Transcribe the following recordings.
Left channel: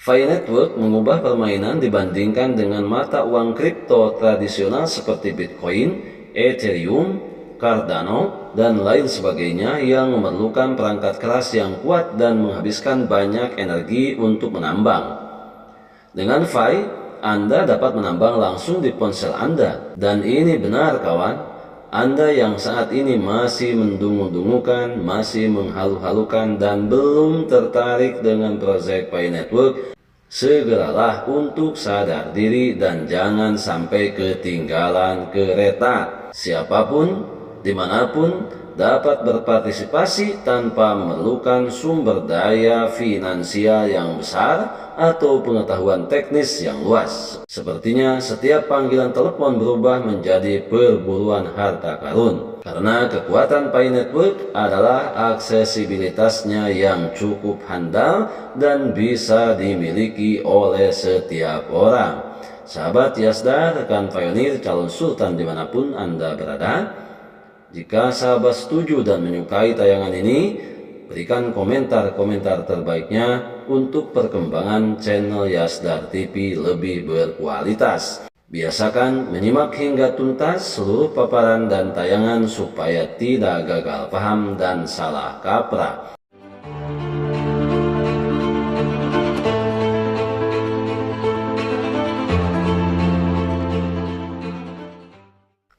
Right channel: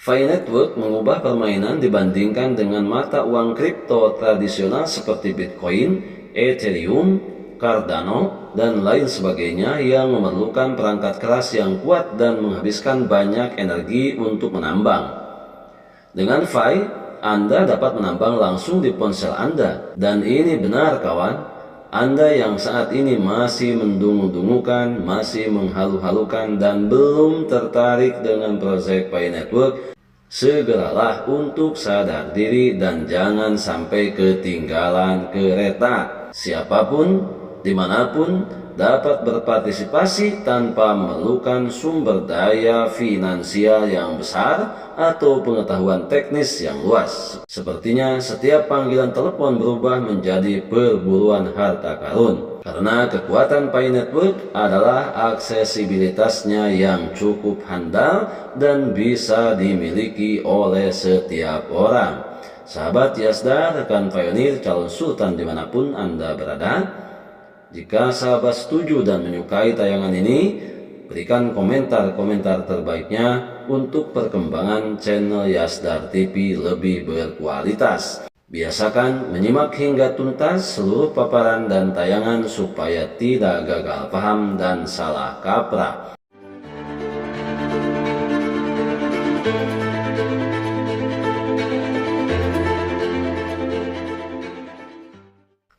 Pi Network mengubah permainan dibandingkan dengan mata uang kripto tradisional seperti Bitcoin, Ethereum, Cardano, dan lain sebagainya yang memerlukan perangkat keras yang kuat dan menghabiskan banyak energi untuk menambang. Dengan Pi, Anda dapat menambang langsung di ponsel Anda. Dan ini benar kawan, Anda yang saat ini masih mendungu-dungukan, masih menghalu-halukan dan belum tertarik dengan proyek Pi Network, segeralah untuk sadar diri dan jangan sampai ketinggalan kereta. Siapapun, dimanapun, dapat berpartisipasi tanpa memerlukan sumber daya finansial yang besar atau pengetahuan teknis yang luas. Sepertinya setiap panggilan telepon berubah menjadi perburuan harta karun. Karena kekuatan Pi Network adalah aksesibilitasnya yang cukup handal dan bisa dimiliki oleh setiap orang. Sahabat Yasdar, rekan pionir, calon sultan dimanapun Anda berada, jika sahabat setuju dan menyukai tayangan ini, berikan komentar-komentar terbaiknya untuk perkembangan channel Yasdar TV lebih berkualitas. Biasakan menyimak hingga tuntas seluruh paparan dan tayangan supaya tidak gagal paham dan salah kaprah.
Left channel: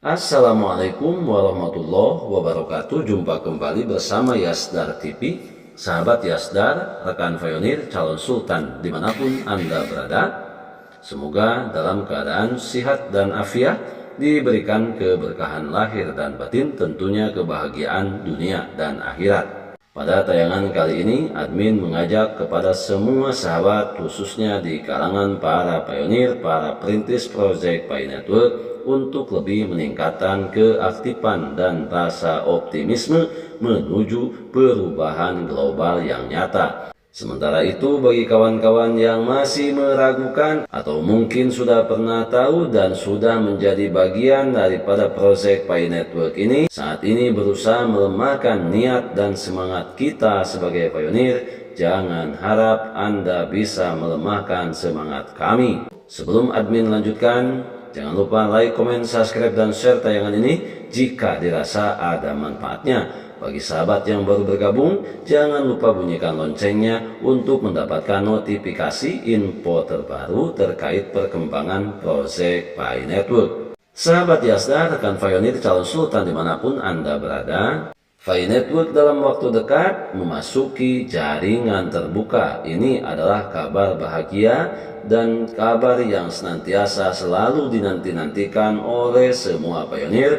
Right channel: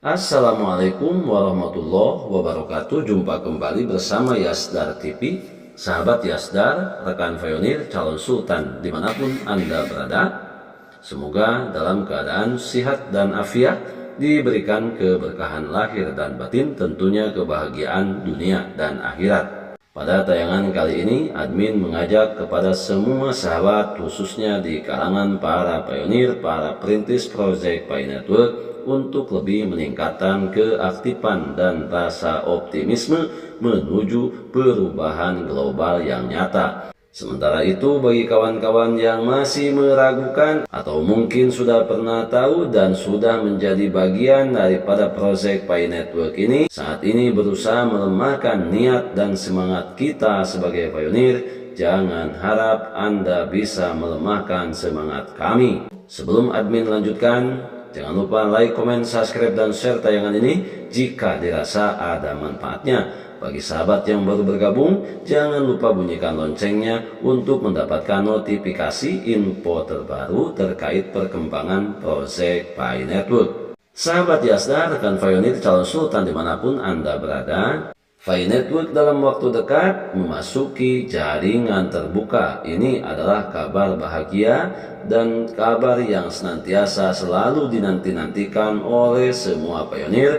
Assalamualaikum warahmatullahi wabarakatuh. Jumpa kembali bersama Yasdar TV. Sahabat Yasdar, rekan pionir, calon sultan dimanapun Anda berada, semoga dalam keadaan sihat dan afiat, diberikan keberkahan lahir dan batin, tentunya kebahagiaan dunia dan akhirat. Pada tayangan kali ini, admin mengajak kepada semua sahabat, khususnya di kalangan para pionir, para perintis proyek Pi Network, untuk lebih meningkatkan keaktifan dan rasa optimisme menuju perubahan global yang nyata. Sementara itu, bagi kawan-kawan yang masih meragukan atau mungkin sudah pernah tahu dan sudah menjadi bagian daripada proyek Pi Network ini, saat ini berusaha melemahkan niat dan semangat kita sebagai pionir, jangan harap Anda bisa melemahkan semangat kami. Sebelum admin lanjutkan, jangan lupa like, komen, subscribe, dan share tayangan ini jika dirasa ada manfaatnya. Bagi sahabat yang baru bergabung, jangan lupa bunyikan loncengnya untuk mendapatkan notifikasi info terbaru terkait perkembangan proyek Pi Network. Sahabat Yasdar, rekan pionir, calon sultan dimanapun Anda berada, Pi Network dalam waktu dekat memasuki jaringan terbuka. Ini adalah kabar bahagia dan kabar yang senantiasa selalu dinanti-nantikan oleh semua pionir,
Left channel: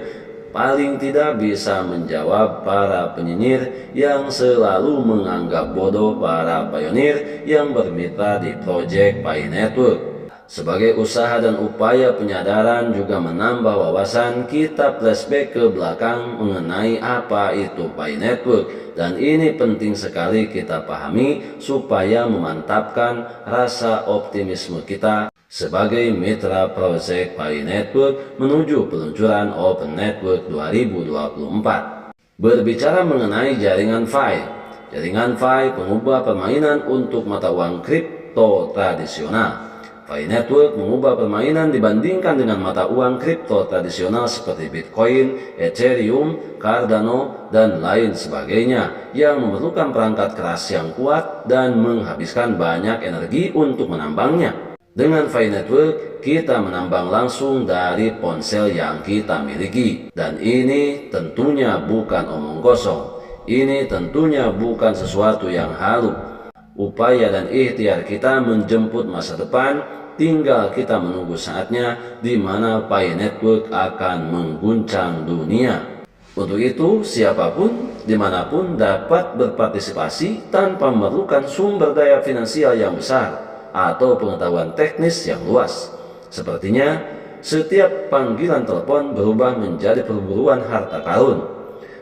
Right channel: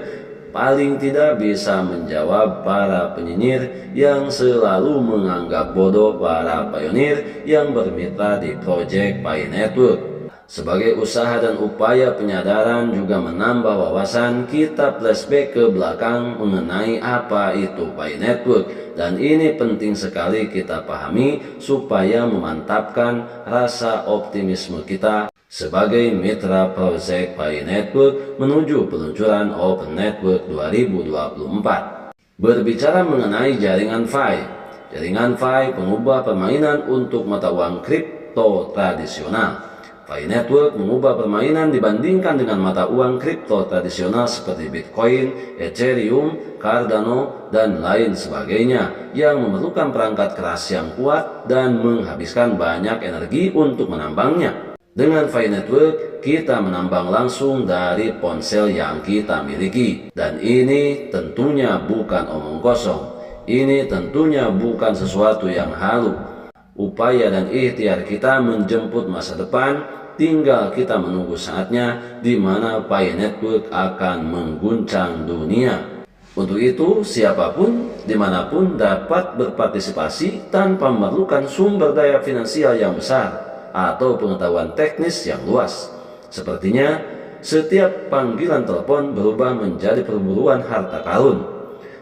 paling tidak bisa menjawab para penyinyir yang selalu menganggap bodoh para pionir yang bermitra di proyek Pi Network. Sebagai usaha dan upaya penyadaran juga menambah wawasan, kita flashback ke belakang mengenai apa itu Pi Network. Dan ini penting sekali kita pahami supaya memantapkan rasa optimisme kita sebagai mitra proyek Pi Network menuju peluncuran Open Network 2024. Berbicara mengenai jaringan Pi, jaringan Pi pengubah permainan untuk mata uang kripto tradisional. Pi Network mengubah permainan dibandingkan dengan mata uang kripto tradisional seperti Bitcoin, Ethereum, Cardano, dan lain sebagainya yang memerlukan perangkat keras yang kuat dan menghabiskan banyak energi untuk menambangnya. Dengan Pi Network, kita menambang langsung dari ponsel yang kita miliki. Dan ini tentunya bukan omong kosong. Ini tentunya bukan sesuatu yang halu. Upaya dan ikhtiar kita menjemput masa depan, tinggal kita menunggu saatnya di mana Pi Network akan mengguncang dunia. Untuk itu, siapapun, dimanapun dapat berpartisipasi tanpa memerlukan sumber daya finansial yang besar atau pengetahuan teknis yang luas. Sepertinya, setiap panggilan telepon berubah menjadi perburuan harta karun,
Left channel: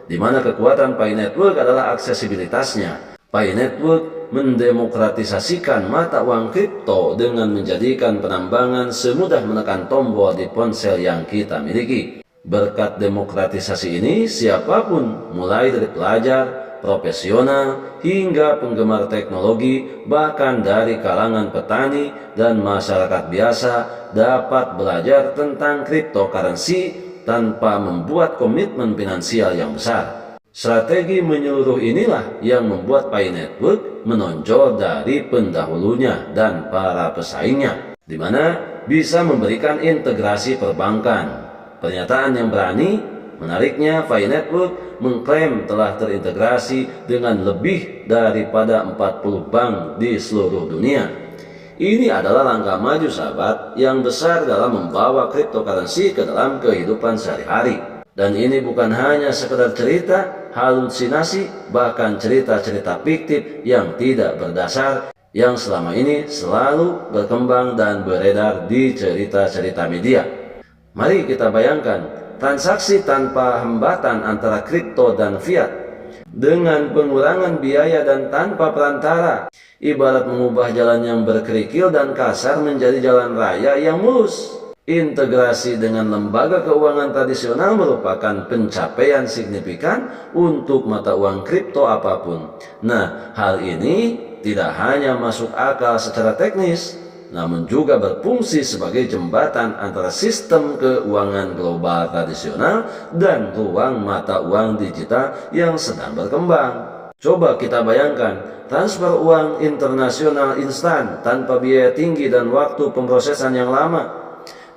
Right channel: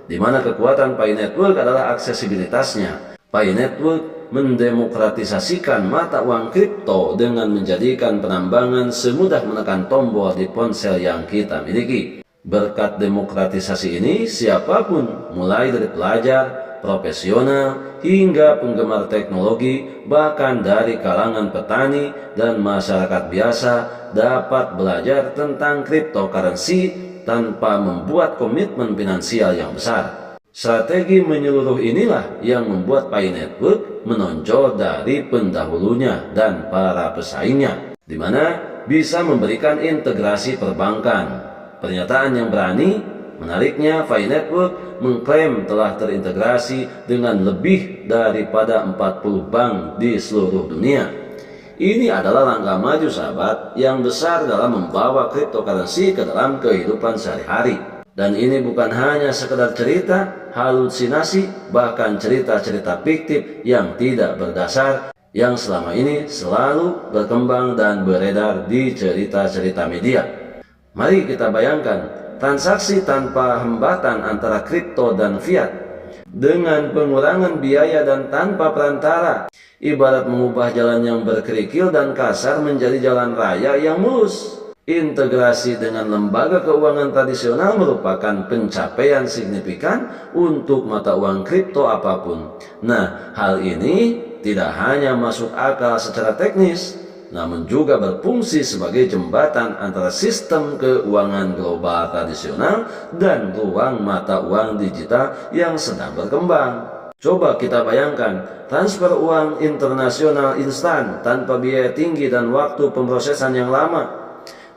di mana kekuatan Pi Network adalah aksesibilitasnya. Pi Network mendemokratisasikan mata uang kripto dengan menjadikan penambangan semudah menekan tombol di ponsel yang kita miliki. Berkat demokratisasi ini, siapapun, mulai dari pelajar, profesional, hingga penggemar teknologi, bahkan dari kalangan petani dan masyarakat biasa dapat belajar tentang cryptocurrency tanpa membuat komitmen finansial yang besar. Strategi menyeluruh inilah yang membuat Pi Network menonjol dari pendahulunya dan para pesaingnya, di mana bisa memberikan integrasi perbankan. Pernyataan yang berani. Menariknya, Pi Network mengklaim telah terintegrasi dengan lebih daripada 40 bank di seluruh dunia. Ini adalah langkah maju sahabat yang besar dalam membawa cryptocurrency ke dalam kehidupan sehari-hari. Dan ini bukan hanya sekedar cerita, halusinasi, bahkan cerita-cerita fiktif yang tidak berdasar yang selama ini selalu berkembang dan beredar di cerita-cerita media. Mari kita bayangkan transaksi tanpa hambatan antara kripto dan fiat dengan pengurangan biaya dan tanpa perantara, ibarat mengubah jalan yang berkerikil dan kasar menjadi jalan raya yang mulus. Integrasi dengan lembaga keuangan tradisional merupakan pencapaian signifikan untuk mata uang kripto apapun. Nah, hal ini tidak hanya masuk akal secara teknis, namun juga berfungsi sebagai jembatan antara sistem keuangan global tradisional dan ruang mata uang digital yang sedang berkembang. Coba kita bayangkan, transfer uang internasional instan tanpa biaya tinggi dan waktu pemrosesan yang lama.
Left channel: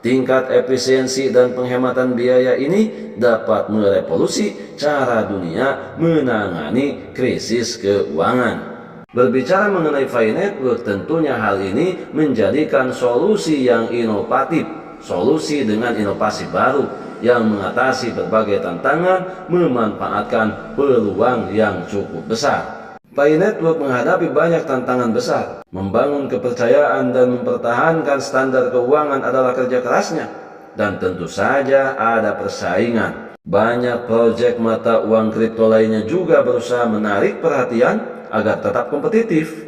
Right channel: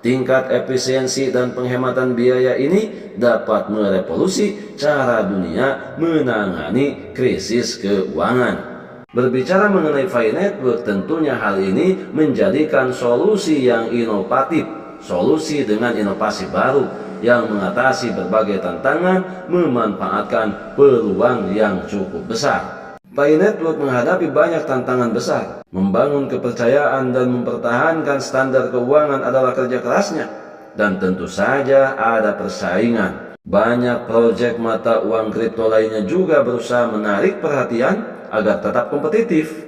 Tingkat efisiensi dan penghematan biaya ini dapat merevolusi cara dunia menangani krisis keuangan. Berbicara mengenai Pi Network, tentunya hal ini menjadikan solusi yang inovatif, solusi dengan inovasi baru yang mengatasi berbagai tantangan, memanfaatkan peluang yang cukup besar. Pi Network menghadapi banyak tantangan besar. Membangun kepercayaan dan mempertahankan standar keuangan adalah kerja kerasnya. Dan tentu saja ada persaingan. Banyak proyek mata uang kripto lainnya juga berusaha menarik perhatian agar tetap kompetitif.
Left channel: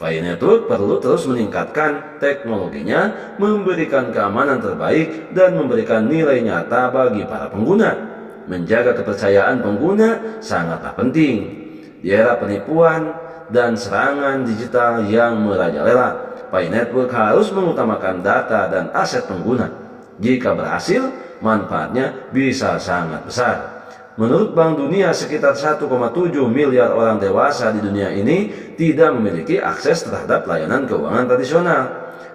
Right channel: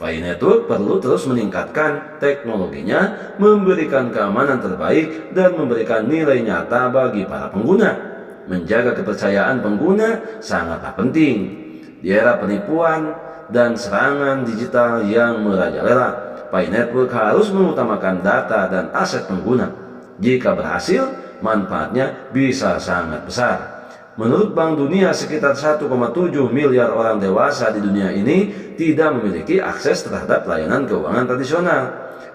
Pi Network perlu terus meningkatkan teknologinya, memberikan keamanan terbaik, dan memberikan nilai nyata bagi para pengguna. Menjaga kepercayaan pengguna sangatlah penting. Di era penipuan dan serangan digital yang merajalela, Pi Network harus mengutamakan data dan aset pengguna. Jika berhasil, manfaatnya bisa sangat besar. Menurut Bank Dunia, sekitar 1,7 miliar orang dewasa di dunia ini tidak memiliki akses terhadap layanan keuangan tradisional.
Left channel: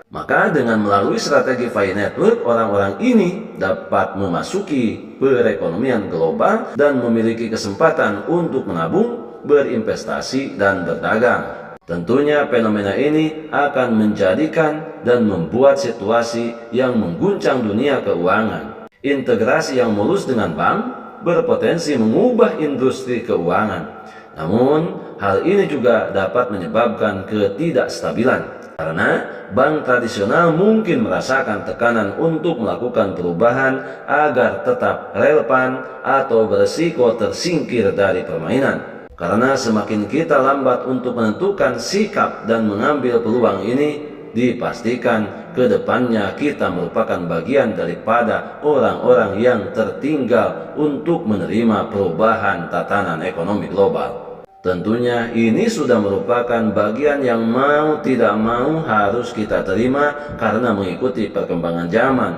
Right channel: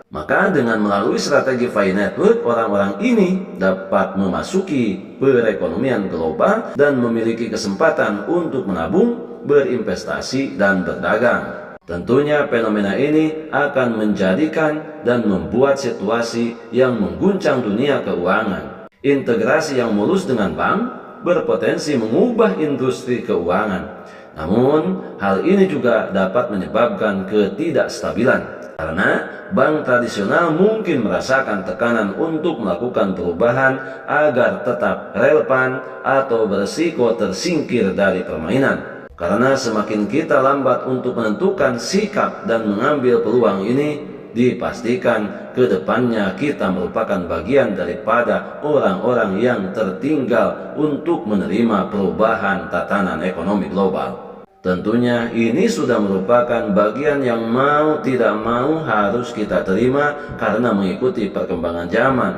Maka dengan melalui strategi Pi Network, orang-orang ini dapat memasuki perekonomian global dan memiliki kesempatan untuk menabung, berinvestasi, dan berdagang. Tentunya fenomena ini akan menjadikan dan membuat situasi yang mengguncang dunia keuangan. Integrasi yang mulus dengan bank berpotensi mengubah industri keuangan. Namun, hal ini juga dapat menyebabkan ketidakstabilan, karena bank tradisional mungkin merasakan tekanan untuk melakukan perubahan agar tetap relevan atau berisiko tersingkir dari permainan. Karena semakin kita lambat untuk menentukan sikap dan mengambil peluang ini, dipastikan ke depannya kita merupakan bagian daripada orang-orang yang tertinggal untuk menerima perubahan tatanan ekonomi global. Tentunya ini sudah merupakan bagian yang mau tidak mau harus kita terima karena mengikuti perkembangan zaman.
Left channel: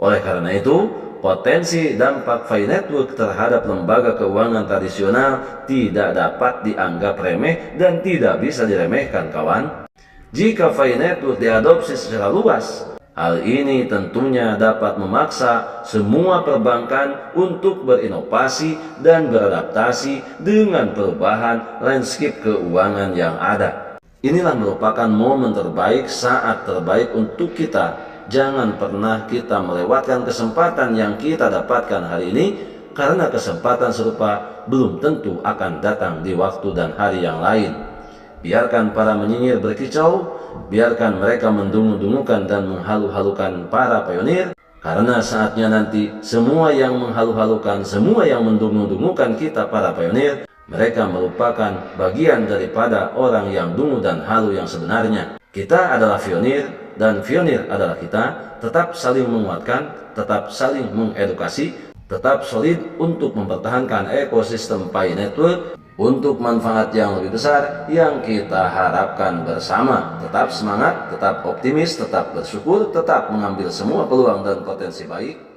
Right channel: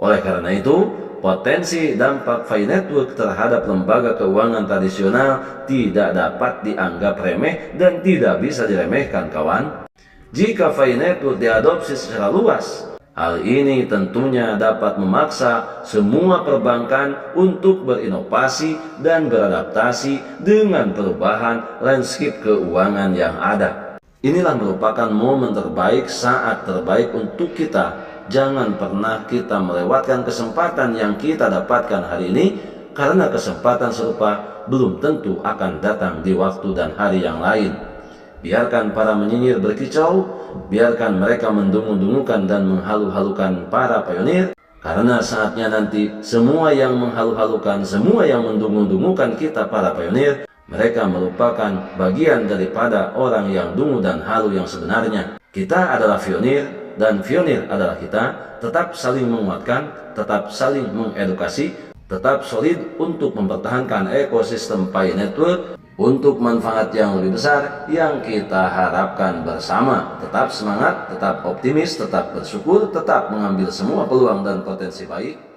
Oleh karena itu, potensi dampak Pi Network terhadap lembaga keuangan tradisional tidak dapat dianggap remeh dan tidak bisa diremehkan, kawan. Jika Pi Network diadopsi secara luas, hal ini tentunya dapat memaksa semua perbankan untuk berinovasi dan beradaptasi dengan perubahan landscape keuangan yang ada. Inilah merupakan momen terbaik, saat terbaik untuk kita. Jangan pernah kita melewatkan kesempatan yang kita dapatkan hari ini, karena kesempatan serupa belum tentu akan datang di waktu dan hari yang lain. Biarkan para menyinyir berkicau, biarkan mereka mendungu-dungukan dan menghalu-halukan para pionir, karena saatnya nanti semua yang menghalu-halukan, semua yang mendungu-dungukan kita para pionir, mereka merupakan bagian daripada orang yang dungu dan halu yang sebenarnya. Kita adalah pionir, dan pionir adalah kita. Tetap saling menguatkan, tetap saling mengedukasi, tetap solid untuk mempertahankan ekosistem Pi Network untuk manfaat yang lebih besar yang kita harapkan bersama. Tetap semangat, tetap optimis, tetap bersyukur, tetap mengambil semua peluang dan potensi baik.